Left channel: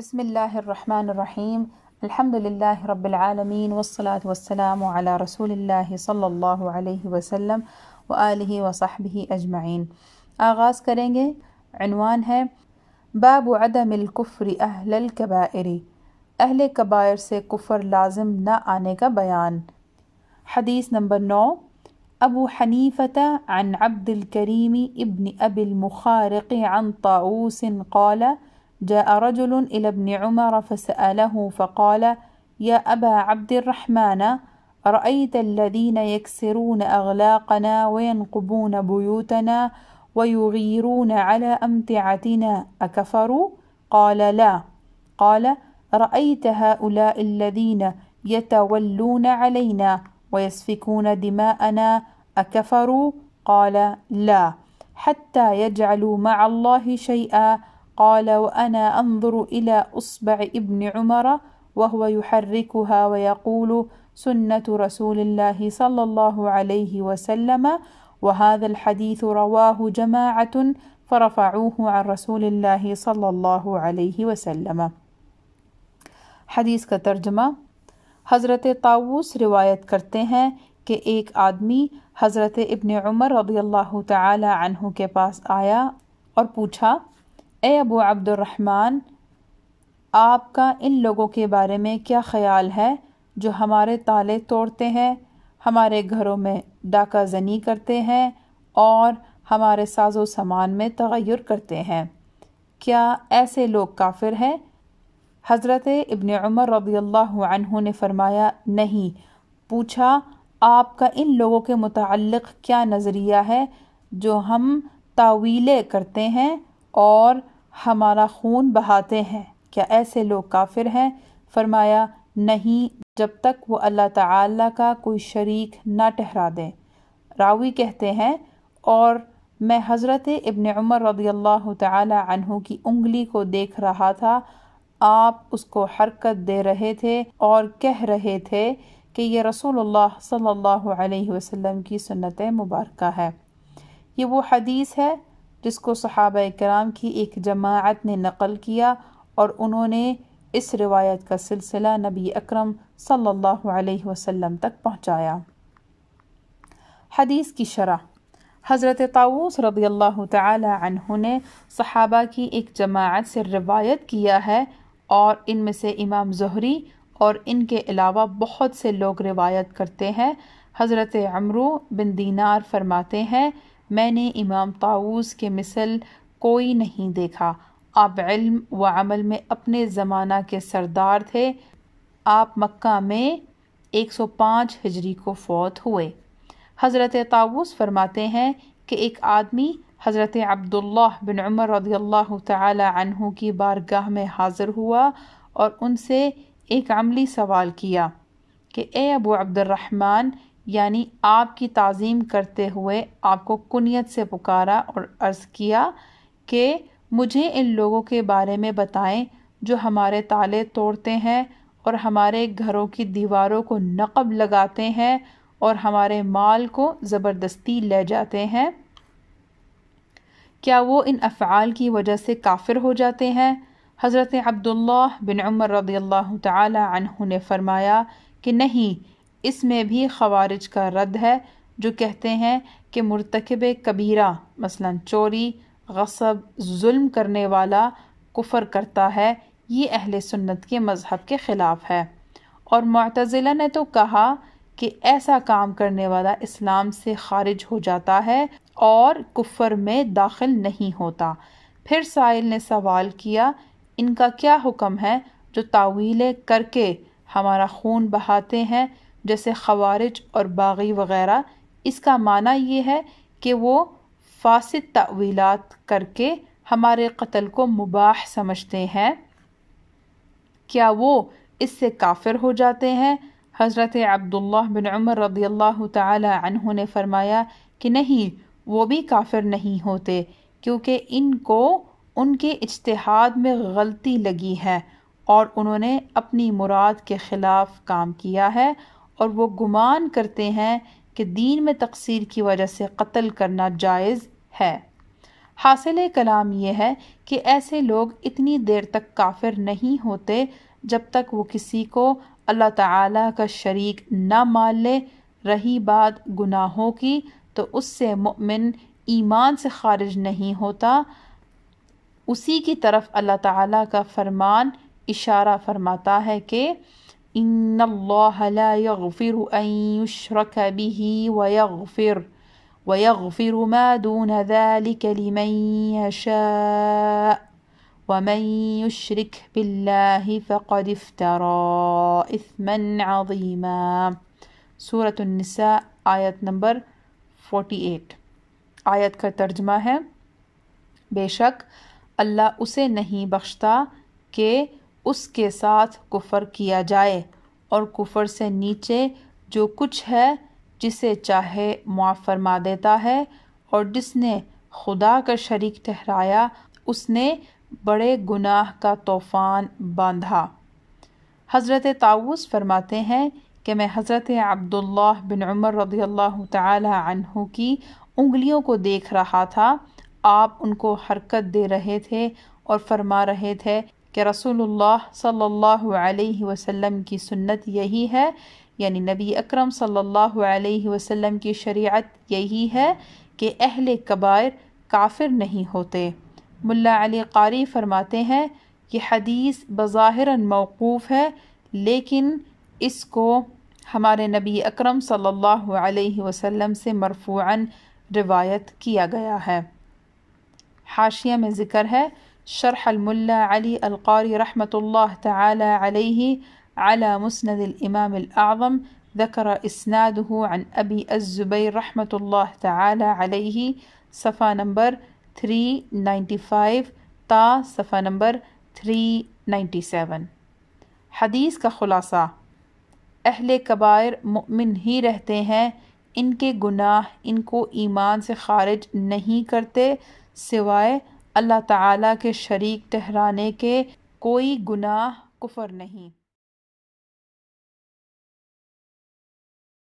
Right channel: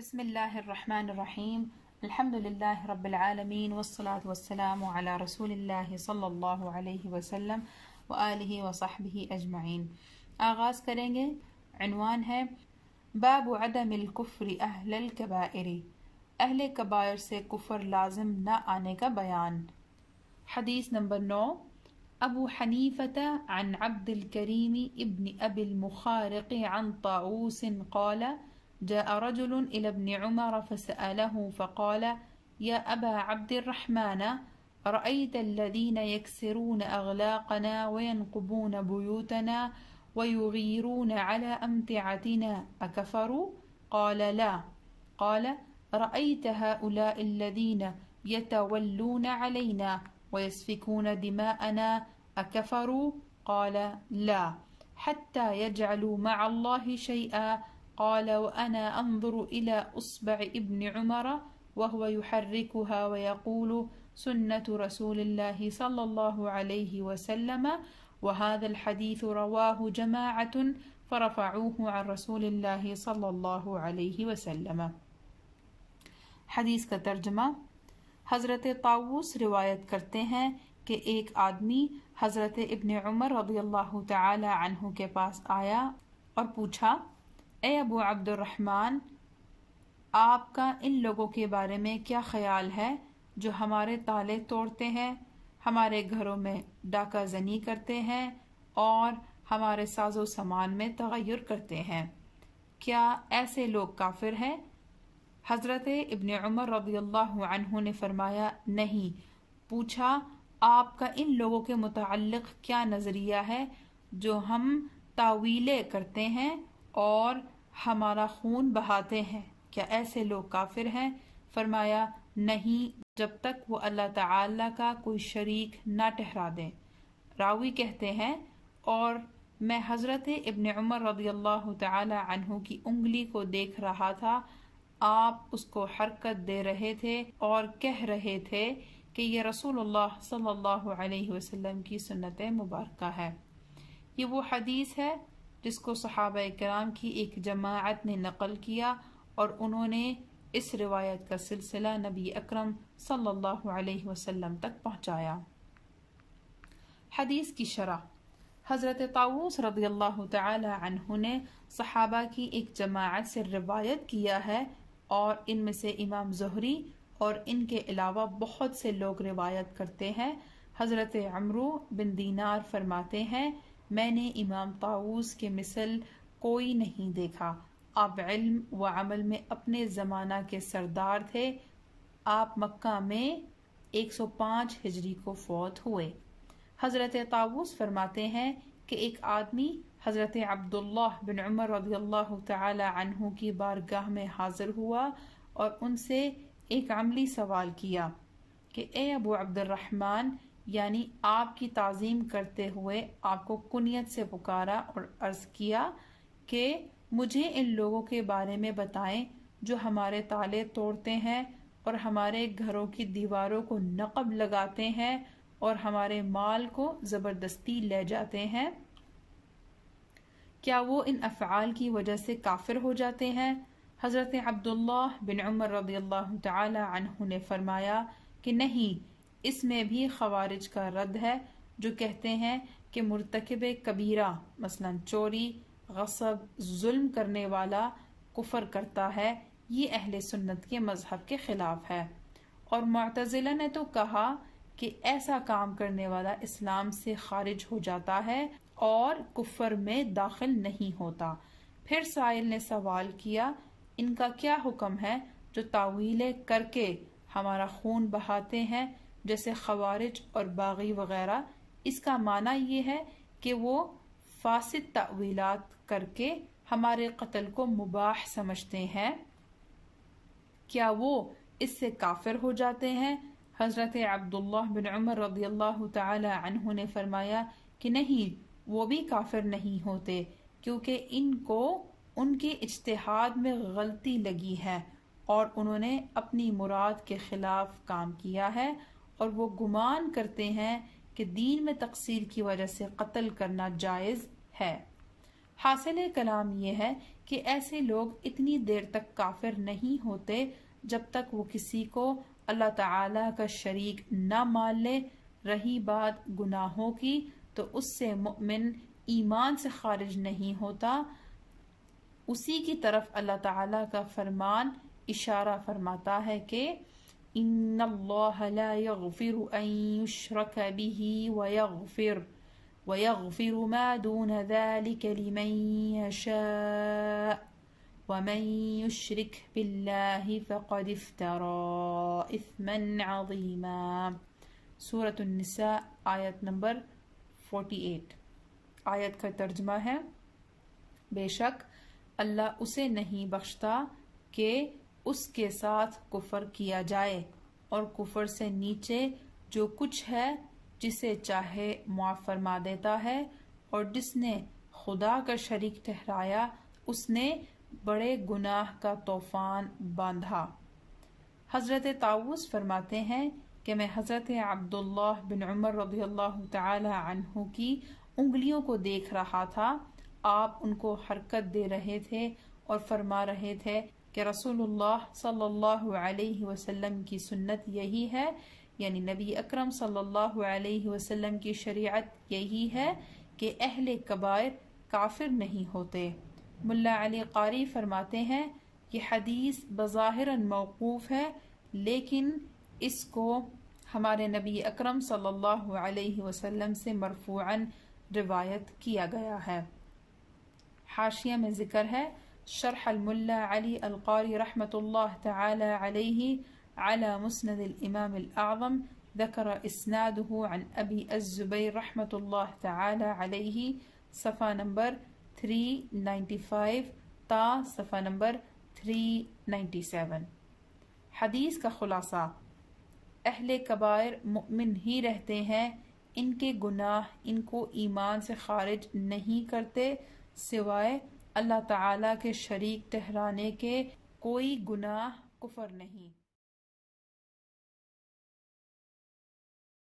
بسم اللہ الرحمن الرحیم الحمد للہ رب العالمین والصلاة والسلام علی رسول اللہ صلی اللہ علیہ وسلم وآلہ وصحبہ اجمعین۔ آغاز کریں گے۔ عنوان ہے باب عدم الکفر اہل الکبائر، اہل کبائر سے کفر لازم نہ آنے کا بیان۔ حدیث نمبر 9، ابو حنیفۃ عن عبد الکریم ابن ابی المخارق عن طاؤوس قال جاء رجل إلى ابن عمر فسأله فقال يا أبا عبد الرحمن رأيت الذين يكسرون أغلاقنا وينقبون بيوتنا ويغيرون على أمتعتنا أكفروا؟ قال لا. قال رأيت هؤلاء الذين يتولون علينا ويسفكون دماءنا أكفروا؟ قال لا. حتى يجعلوا مع الله شيئا. قال وأنا أنظر إلى أصبع ابن عمر وهو يحركها ويقول سنة رسول الله صلى الله عليه وسلم، وهذا الحديث رواه جماعة فرفعوه عن رسول الله صلى الله عليه وسلم۔ حدیث کا ترجمہ۔ حضرت طاؤوس روایت کرتے ہیں کہ ایک آدمی حضرت ابن عمر رضی اللہ تعالی عنہ کے پاس آیا اور پوچھا، اے ابو عبد الرحمن، آپ کا ان لوگوں کے بارے میں کیا خیال ہے جو ہمارے تالے توڑتے ہیں، ہمارے گھروں میں ڈاکہ زنی کرتے ہیں اور ہمارے ساز و سامان میں تغیر کرتے ہیں؟ کیا ایسے لوگ کافر ہیں؟ حضرت ابن عمر رضی اللہ عنہ نے فرمایا، نہیں۔ پوچھا، آپ کا ان لوگوں کے متعلق کیا نظریہ ہے جو ہم تاویلیں کرتے ہیں اور ہمارا خون بہاتے ہیں؟ کیا ایسے لوگ کافر ہیں؟ فرمایا، نہیں، جب تک وہ اللہ تعالی کا کوئی شریک نہ ٹھہرا دیں۔ راوی کہتے ہیں، اور میں حضرت ابن عمر رضی اللہ تعالی عنہ کی انگلی کو دیکھ رہا تھا، آپ اس کو حرکت دے رہے تھے اور کہہ رہے تھے کہ یہ رسول اللہ صلی اللہ علیہ وسلم کی سنت مبارکہ ہے۔ یہ وہ حدیث ہے جس کو صحابہ کرام کی ایک جماعت نے نقل کیا اور انہوں نے اس روایت کا سلسلہ نبی اکرم صلی اللہ علیہ وسلم تک پہنچایا۔ حدیث کی شرح۔ حضرت طاؤوس رضی اللہ تعالی عنہ نے صحابہ کی ایک جماعت سے روایت کیا ہے، اور ان میں سے امام زہری اور ان کے علاوہ بہت سے لوگ روایت کرتے ہیں۔ حضرت عمرو بن دینار فرماتے ہیں، میں نے امام طاؤوس کے مثل کوئی نہیں دیکھا۔ آپ علم و عمل میں اپنے زمانہ کے سردار تھے۔ آپ مکہ میں 105 ہجری کو فوت ہوئے۔ حضرت طاؤوس فرماتے ہیں کہ ایک آدمی حضرت عبداللہ بن عمر رضی اللہ تعالی عنہ کی بارگاہ میں حاضر ہوا اور ان سے ایک عملی سوال کیا کہ اے ابو عبد الرحمن، یعنی آپ کی تعظیم کرتے ہوئے آپ کو کنیت سے پکارا اور عرض کیا کہ مجھے ان لوگوں کے بارے میں بتائیں جو ہمارے تالے توڑتے ہیں اور ہمارے گھروں کی دیواروں کو نقب لگاتے ہیں اور ہمارے مال کو زبردستی لے جاتے ہیں۔ کیا وہ ان افعال کی وجہ سے کافر ہو جاتے ہیں؟ حضرت عبداللہ بن عمر رضی اللہ تعالی عنہ نے فرمایا کہ نہیں، اس میں بھی خوارج کا رد ہے جو کہتے ہیں کہ مرتکب کبیرہ مثلا چوری، غصب، ظلم کرنے والا کفر کرتا ہے، یہ اہل سنت کے مذہب کے خلاف ہے۔ اور معتزلہ نے تو کہا کہ ایسا کام کرنے والا اسلام سے خارج ہو جاتا ہے اور کفر میں داخل نہیں ہوتا۔ پھر سائل نے سوال کیا، ان کا کیا حکم ہے جو تاویلیں کر کے ہمارا خون بہاتے ہیں جیسے خوارج اور باغی وغیرہ؟ اس کا معنی یہ ہے کہ وہ فاسد تاویلات کر کے ہمارے قتل کو مباح سمجھتے ہیں۔ کیا وہ اس سے کافر ہو جاتے ہیں؟ حضرت عبداللہ بن عمر رضی اللہ تعالی عنہ نے فرمایا کہ نہیں، وہ بھی کافر نہیں ہوتے، کیونکہ ان کو ان کے اجتہاد میں غلطی لگی ہے اور انہوں نے اپنی مراد کے خلاف کام کیا ہے، اور وہ گمان کرتے ہیں کہ دین میں تقصیر کی وجہ سے قتل کرنا جائز ہے۔ حاصل کلام یہ ہے کہ ایسے لوگ اتنی دیر تک کافر نہیں ہوتے جب تک وہ کسی کو اللہ تعالیٰ کا شریک نہ مان لے۔ رہی بات گناہوں کی تو اس سے مؤمن ایمان سے خارج نہیں ہوتا، اسی کی طرف اللہ تعالیٰ کا فرمان اشارہ فرماتا ہے کہ ان اللہ لا یغفر ان یشرک به ویغفر ما دون ذلك لمن یشاء ومن یشرک باللہ فقد افترى اثما عظیما۔ سورۃ النساء آیت نمبر 48۔ آیت کا ترجمہ ہے، بے شک اللہ اسے نہیں بخشتا کہ اس کے ساتھ کفر کیا جائے، اور کفر سے نیچے جو کچھ ہے جسے چاہے معاف فرما دیتا ہے، اور جس نے خدا کا شریک ٹھہرایا اس نے بڑے گناہ کا طوفان باندھا۔ حضرت طاؤوس فرماتے ہیں کہ میں حضرت عبداللہ بن عمر رضی اللہ تعالی عنہ کی انگلیوں کو دیکھ رہا تھا، آپ ان کو حرکت دے رہے تھے اور فرما رہے تھے کہ رسول اللہ صلی اللہ علیہ وسلم کی سنت یہی ہے، یعنی نبی اکرم صلی اللہ علیہ وسلم کی شریعت یہی ہے کہ اہل کبائر کافر نہیں ہوتے۔ ملا علی قاری فرماتے ہیں یہ حدیث بظاہراً موقوف ہے، لیکن اس کو ہمارے نبی اکرم صلی اللہ علیہ وسلم سے مرفوعاً روایت کیا گیا ہے۔ حاشیہ میں ذکر ہے، شرح الملا علی القاری رحمۃ اللہ تعالی علیہ على مسند الامام الاعظم ذکر اسناده عن ابی الزبیر رحمۃ اللہ تعالی علیہ، صفحہ نمبر 395 تا صفحہ نمبر 397۔ حدیث کا خلاصہ، اہل کبائر مؤمن ہی رہتے ہیں، ان کے گناہ ان کو ایمان سے خارج نہیں کرتے سوائے اللہ تعالیٰ کے شریک ٹھہرانے کے، کوئی گناہ کفر نہیں۔